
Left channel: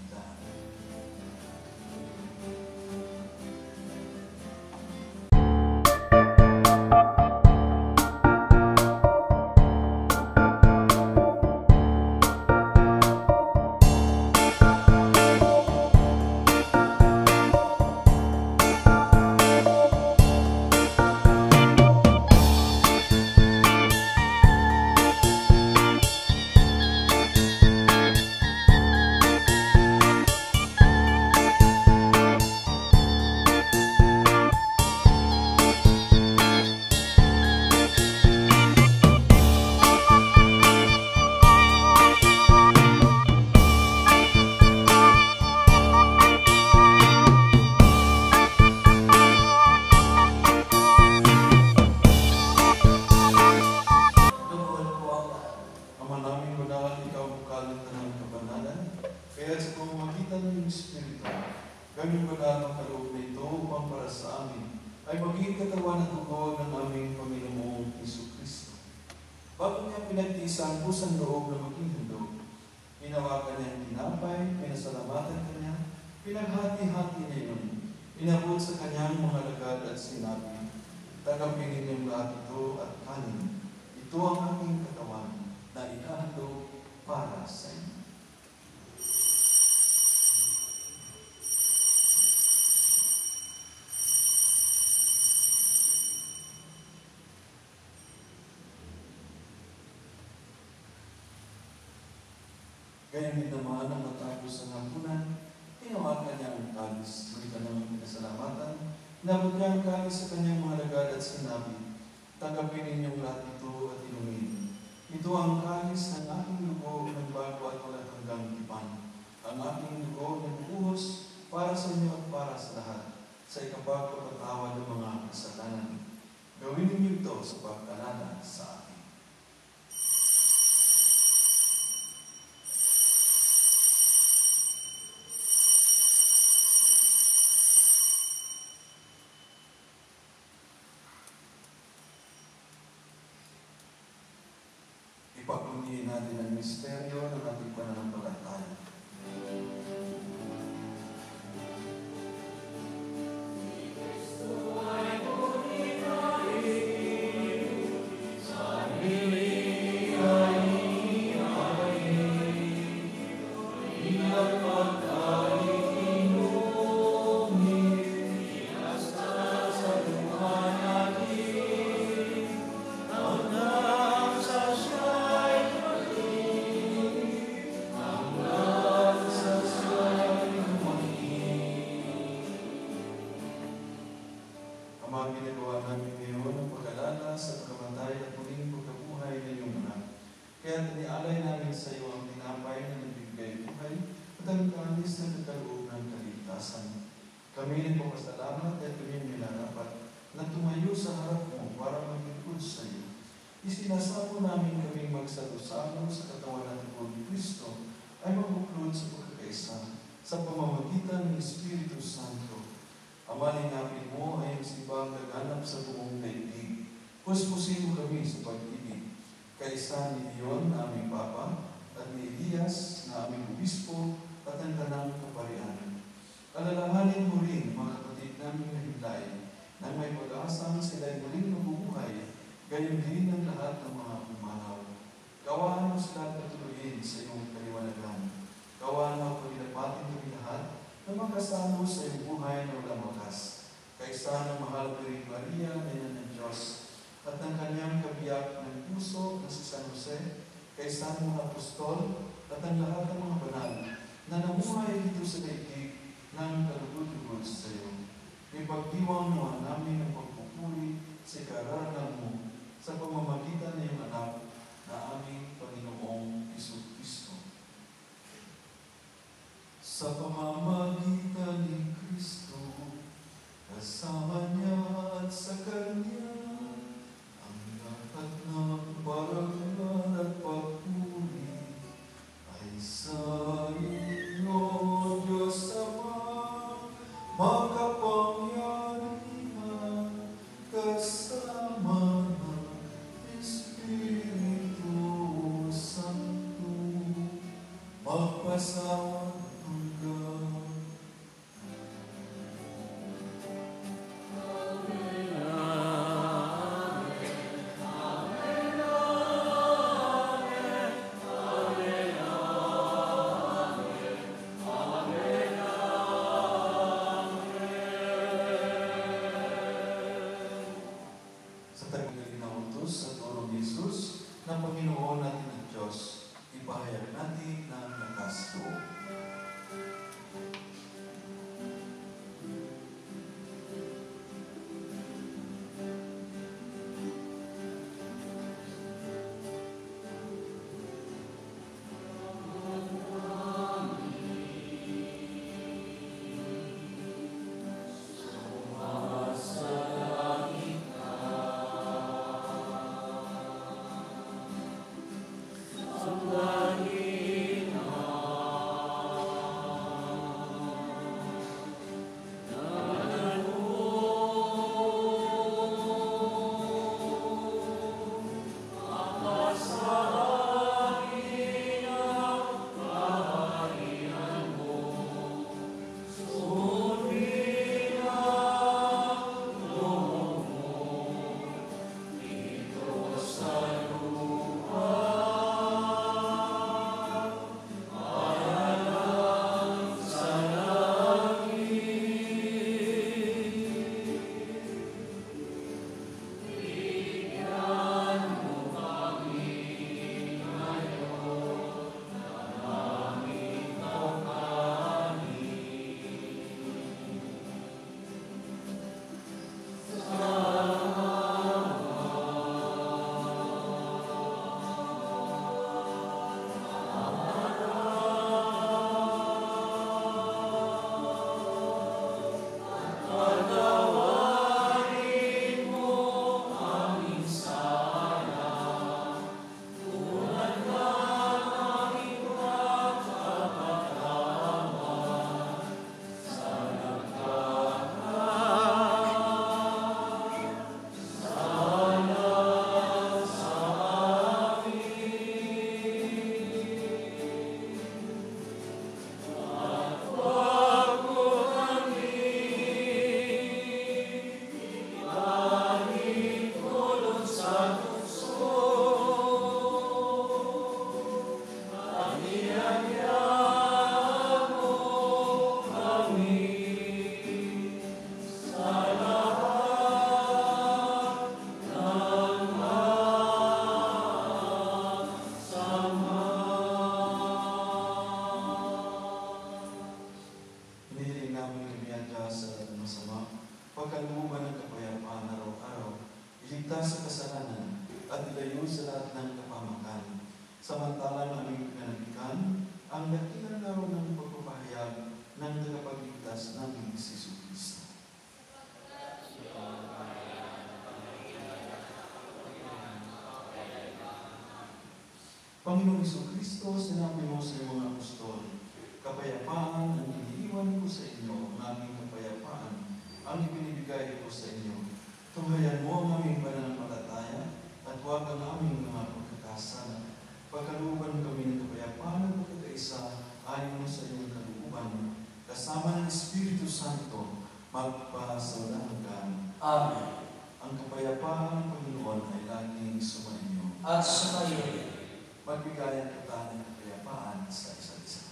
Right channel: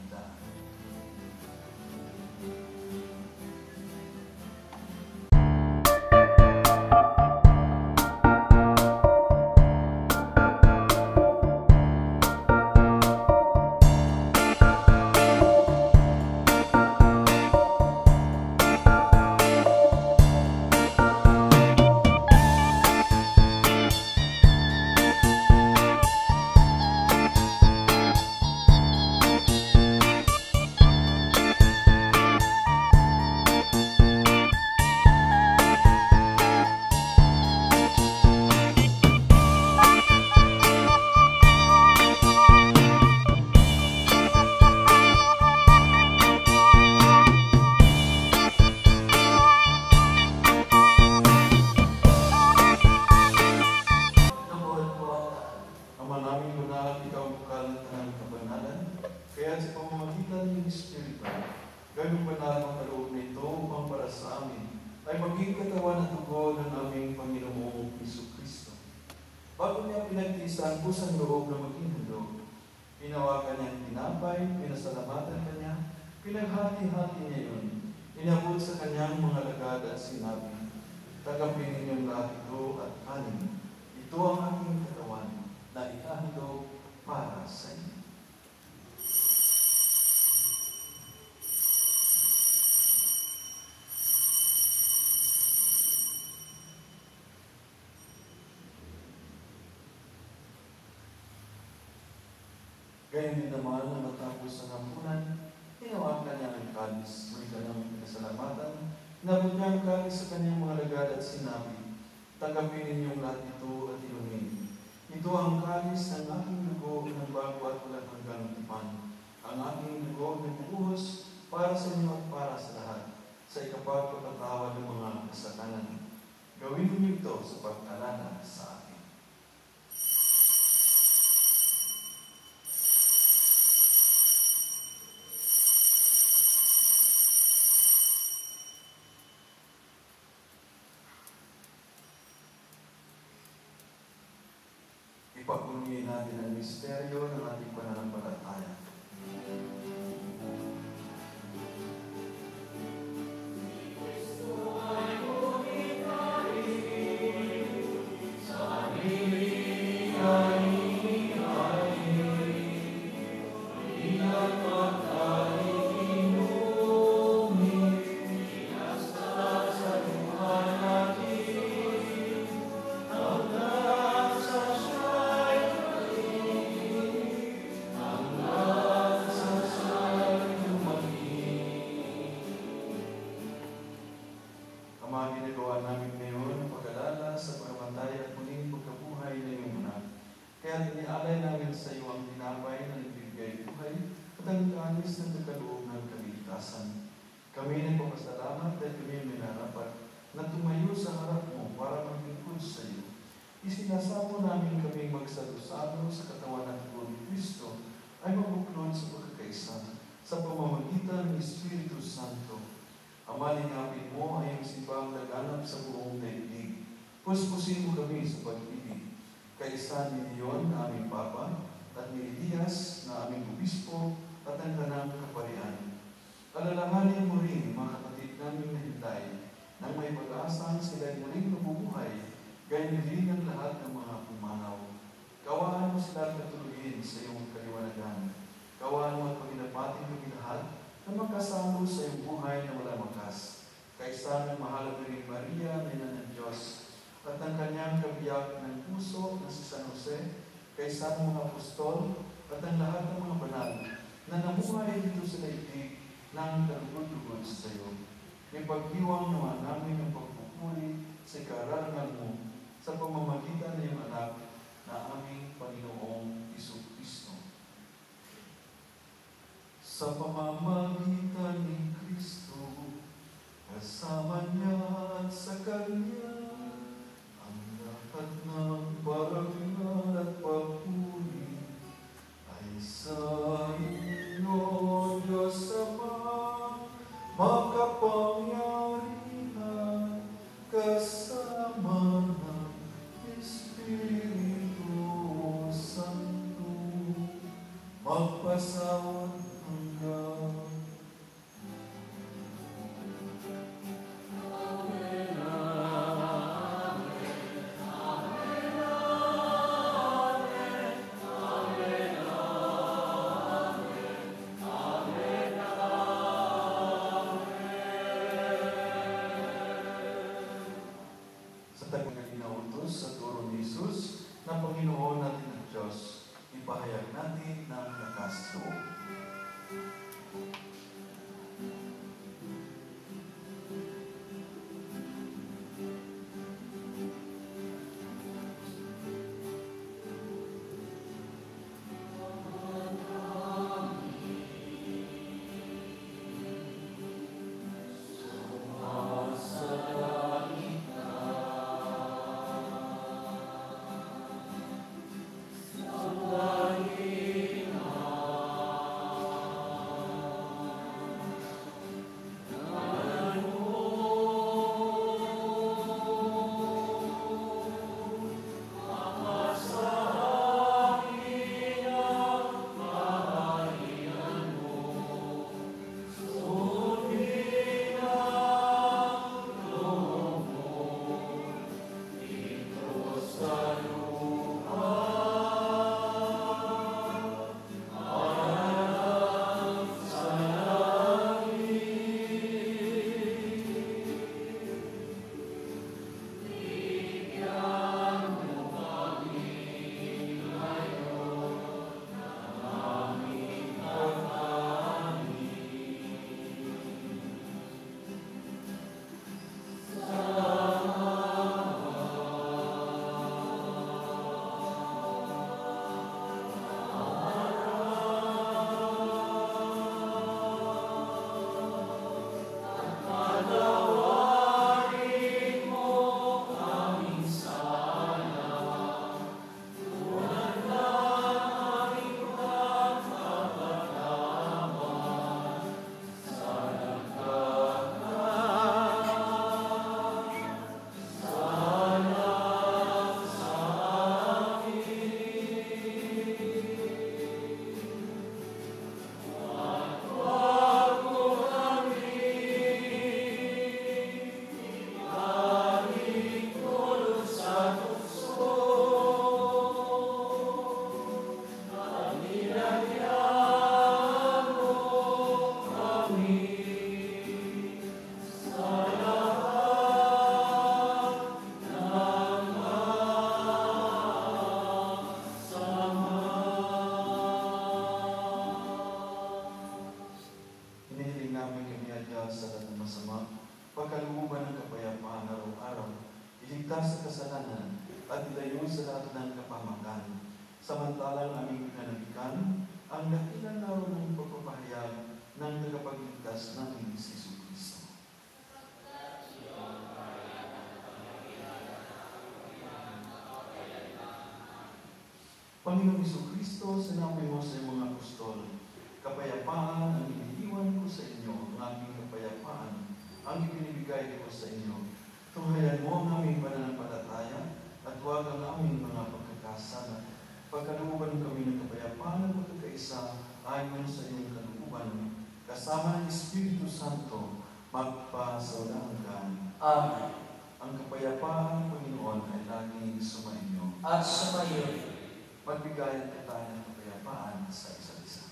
Lugod po ang lahat. Ama namin madalang ikaw bukalan ng kabanalan, kaya sa pamamagitan ng Espiritu, gano'ng banal ang kaloob na ito upang para sa amin ay maging katawan at dugo ng aming Panginoong Jesucristo. Bago niya pinagtiisan po sa loob na maging handog, hinawakan niya ang tinapay, pinasalamatan kanya, pinaghati-hati niya yun, inabot sa kanyang mga lagad at sinabi, "Tagapin ninyong lahat ito at kanin. Ito ang aking katawan na ikahandog para sa inyo." Gayon din naman ang matapos sa hampunan, hinawakan niya ang kalis, sulitan ng kasalamatan, inabot niya ang kalis sa kanyang mga lagad at sinabi, "Tanggapin ninyong lahat ito at inumin. Ito ang kalis ng aking dugo ng bago at walang hanggang tipan. Ang aking dugo na bubuhos para sa inyo at para sa lahat, sa ikapagpapatawad ng mga kasalanan. Gawin niyo ito sa pag-alala sa akin." Ipagpunihin natin ang misteryo ng ating pananampalataya. Ama, ginagawa namin ngayon ang pag-alala sa pagkamatay at muling pagkabuhay ng iyong anak. Kaya tinialay namin sa iyo ang tinapay na nagbibigay buhay at ang kanis na nagkaloob ng kaligtasan. Kami nagpapasalamat at kami ang minarapat na tumayo sa harap mo para maglingkod sa iyo. Isinasamo namin kaming magsalo-salo sa katawan ng dugo ni Kristo ay mabuklod sa pagkakaisa sa pamamagitan ng Espiritu Santo. Ama, lingapin mo ay ang sibang gaganap sa buong daigdig. Puspusin mo kami sa pag-ibig. Kaisa ni Leon na aming Papa at ni Elias na aming Obispo at ang tanang kaparian. Alalahanin mo rin mga kapatid namin na hintay na may pag-aasang sila'y muling mabubuhay, gayon din ang lahat ng mga pumanaw. Kawaan mo sila katuluyin sa iyong kaliwanagan. Kawaan mo at paginapatin kami lahat na makasalo sa sa iyong buhay na walang wakas. Kaisa ng mahal na Birheng Maria, Ina ng Diyos, at ng kanyang kabiyak ng puso na si San Jose, kaisa ng mga apostol, at ang lahat ng mga banal na namuhay dito sa daigdig ng kalugod-lugod sa iyo. Ipagdiwang naman namin ang pagpupuri sa karangalan mo sa pamamagitan ng iyong anak na aming Panginoong Jesucristo. Sa pamamagitan ni Kristo, kasama niya at sa Kanya, ang lahat ng parangal at papuri ay sa inyo, Diyos Ama, makapangyarihan, kasama ng Espiritu Santo, magpasawang hanggan. Sa tagagaling na utos sa turo ni Jesus na Panginoon natin at Diyos, ipahayag natin ng lakas loob. pagkalooban ng kapayapaan araw-araw, iligtas sa kasalanan at ilayo sa lahat ng kapamakan. Samantalang aming pinanagikan ang dakilang laro ng pagpapahayag ng tagapagligtas namin si Jesucristo. Panginoong Jesucristo, sinabi mo sa iyong mga apostol, kapayapaan ang iniiwan ko sa inyo, ang aming kapayapaan ang ibinibigay ko sa inyo. Tunghayan mo ang aming pananampalataya at huwag ang aming mga pagkakasala. Pagkalooban kami ng kapayapaan at pagkakaisa ayon sa iyong kalooban, kasama ng Espiritu Santo, magpasawalang hanggan. Amen. Ang kapayapaan ng Panginoon ay laging sumainyo. At sumayo. Magbigayan kita ng kapayapaan sa isa't isa.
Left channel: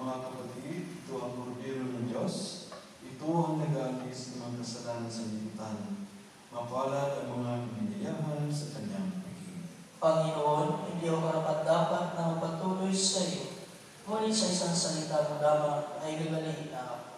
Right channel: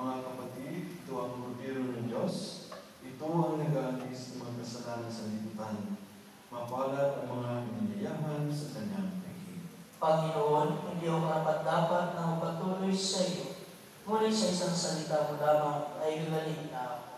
Mga kapatid, ito ang kordero ng Diyos. Ito ang nag-aalis ng mga kasalanan sa liputan. Mapalad ang mga biniyahan sa kanyang piging. Panginoon, hindi ako karapat-dapat na magpatuloy sa iyo. Ngunit sa isang salita mo lamang ay gagalihin na ako.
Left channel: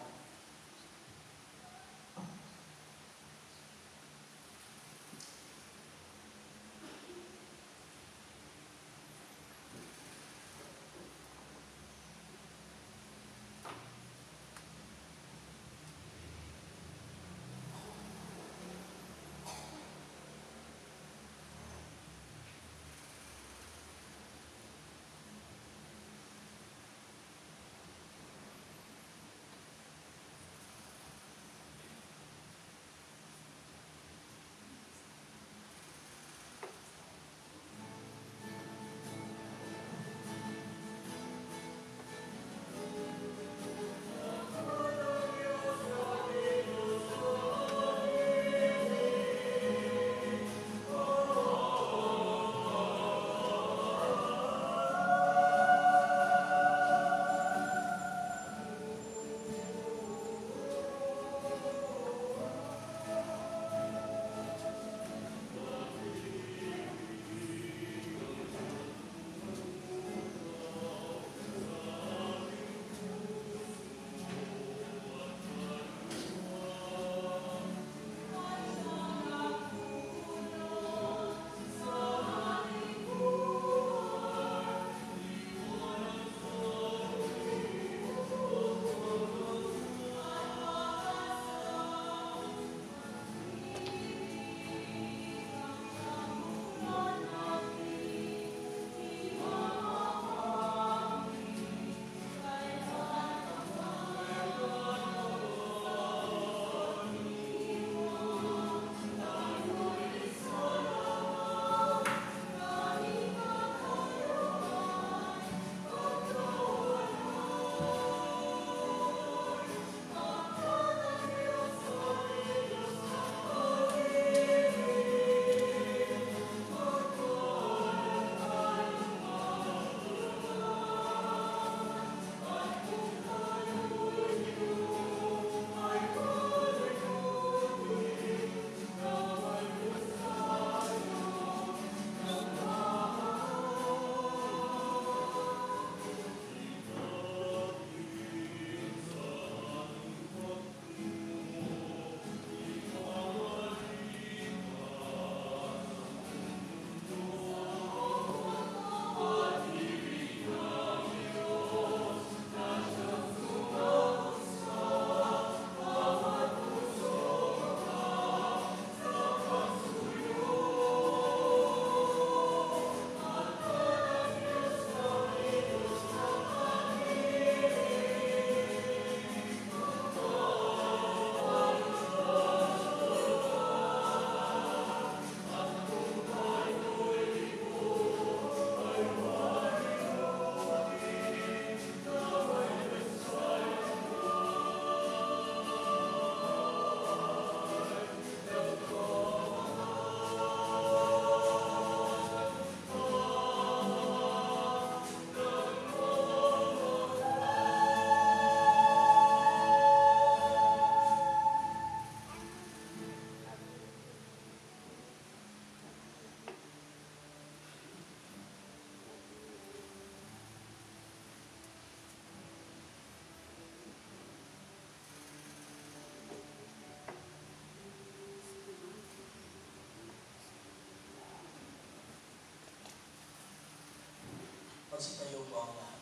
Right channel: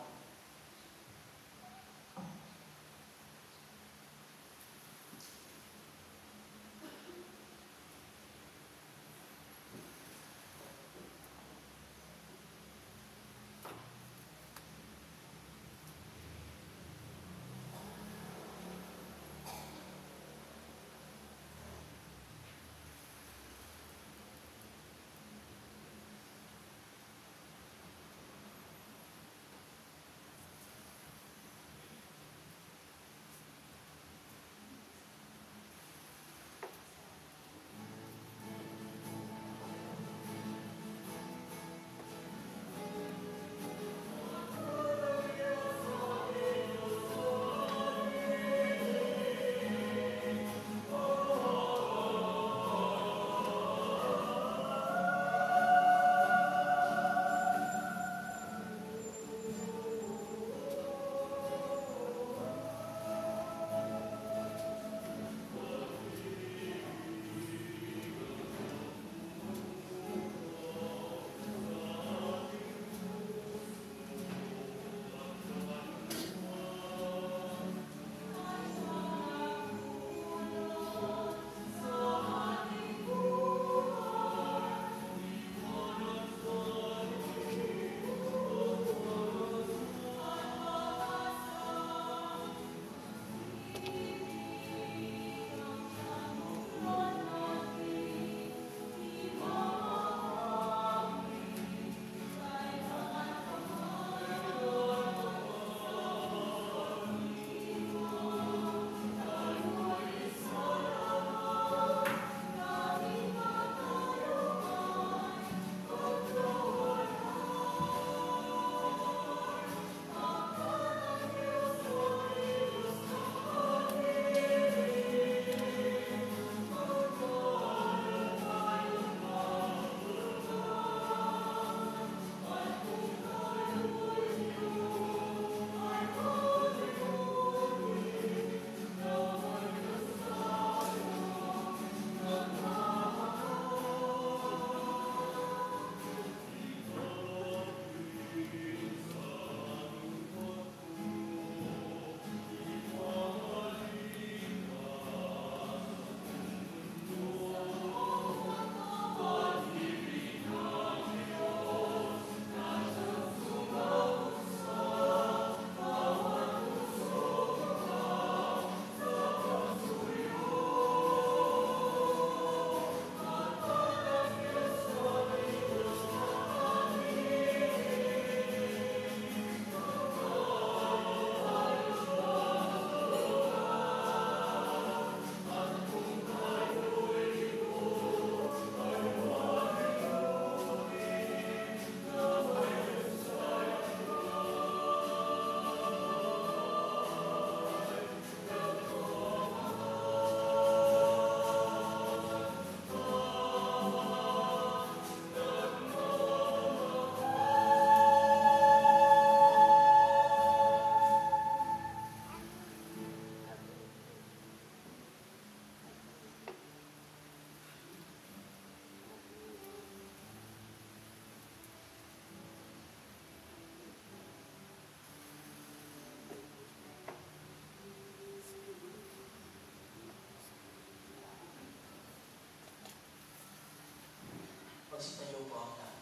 Magsitayo po ang lahat.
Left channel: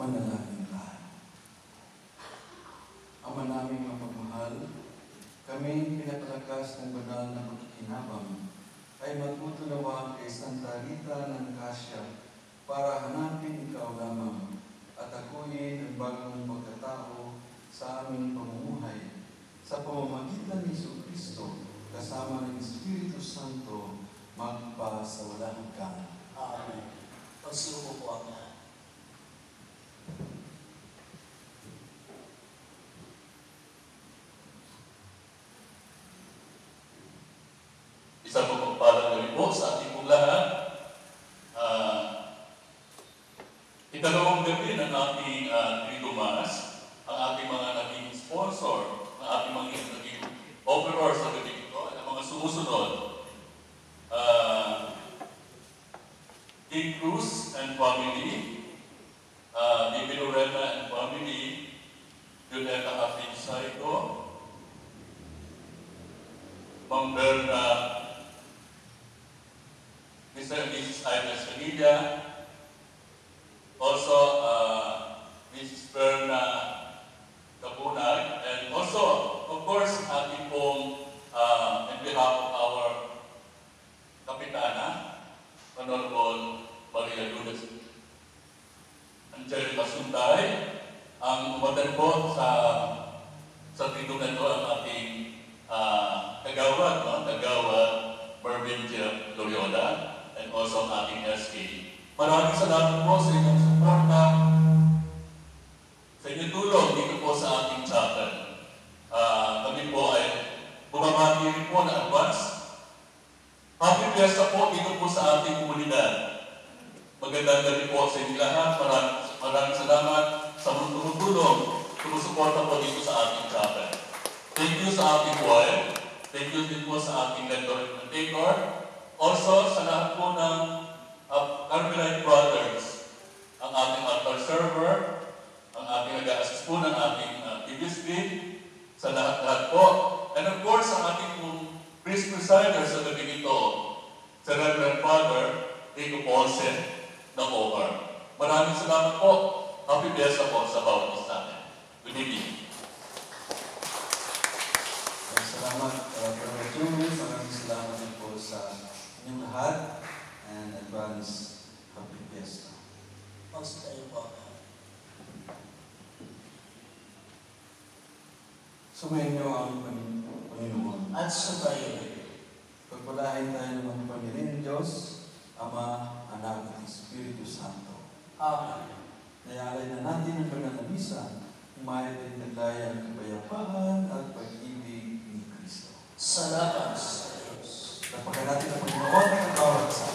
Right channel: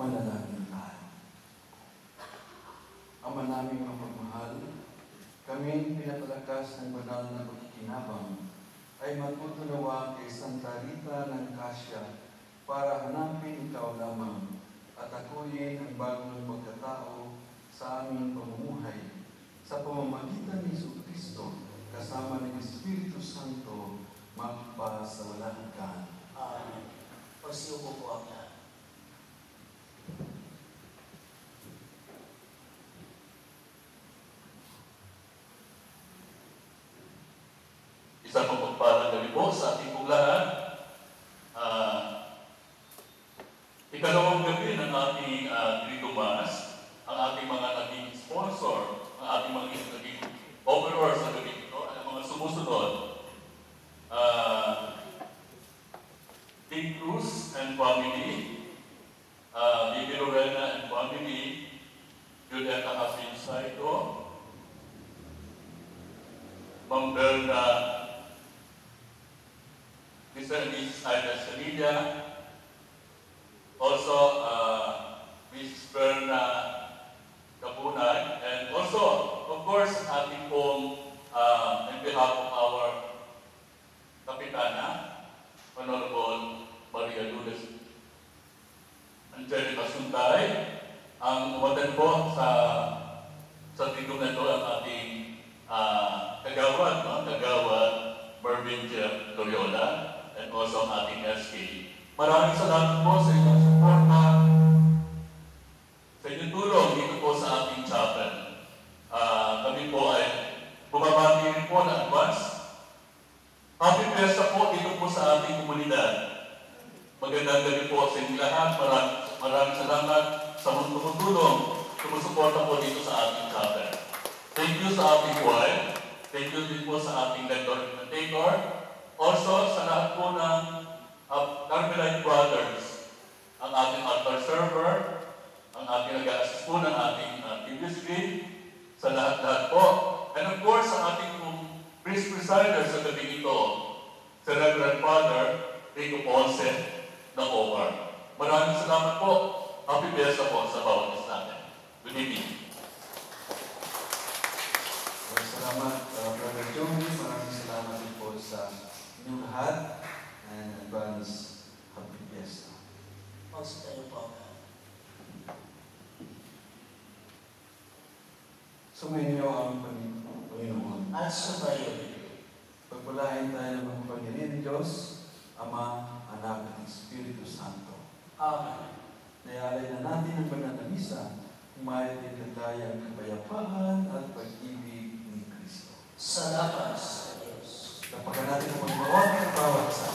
Manalangin tayo. Ama naming mapagmahal, kami pinapalakas ng banal na pagkikinabang ay matutunawa kay Santa Rita ng Cassia para hanapin ikaw lamang at akuin ang bagong pagkatao sa aming pamumuhay sa pamamagitan ni Jesucristo kasama ng Espiritu Santo magpa sa walang hanggan. Amen. Pagsiupo po ang lahat. Isang pagpapalang gabi po sa ating pong lahat. Ikalawang gabi ng ating Trido Mass, ang ating mga naging sponsor, ang ating mga naging overall sa gabi ito, ang mga sumusunod. Big Cruz and family, Bibi Lorena and family, Juneta Hafin Saiko, Ma'am Berna, Mr. and Mrs. Ira Escamilla, also Mrs. Berna Kapunay, and also, of course, ating pong, in behalf of our Kapitana, Honorable Maria Lourdes Angelica Suntay, ang umaten po sa titong na ito ang ating kagawad, kagawad Mervyn Jeff Loyola, and also ang ating SK. Maraming salamat po sa inyong suporta, sa inyong tulong dito po sa ating chapel. Kami po ay bumabati rin po na advance. Happy Fiesta po dito po sa ating komunidad. Magandang gabi po sa inyo lahat. Maraming salamat sa mga tumutulong, sumusuporta po dito sa ating chapel. Thank you sa ating choir. Thank you din po sa ating Decor. Also sa lahat po ng Carmelite Brothers, ang ating altar server, ang ating nag-a-assist po ng ating DBSB, sa lahat-lahat po. And of course, ang ating pong priest presider sa gabi ito, sa Reverend Father Rico Ponce ng Ovar. Maraming salamat po. Happy Fiesta po sa bawat isa. Good evening. Salamat, Brother Joey. Maraming salamat din po sa inyong lahat. And advance, Happy Fiesta. Magsasayo po. Sumayin niyo ang Panginoon. At sumayo. Pagpalain tayo ng mga Panginoon Diyos, Ama, Anak, at Espiritu Santo. Amen. Nayalay na natin ang banal na misa, humayat ay naglaya ang kapayapaan at pag-ibig ni Kristo. Salamat sa Diyos. Napagka natin ang Panginoon at ang bawat isa.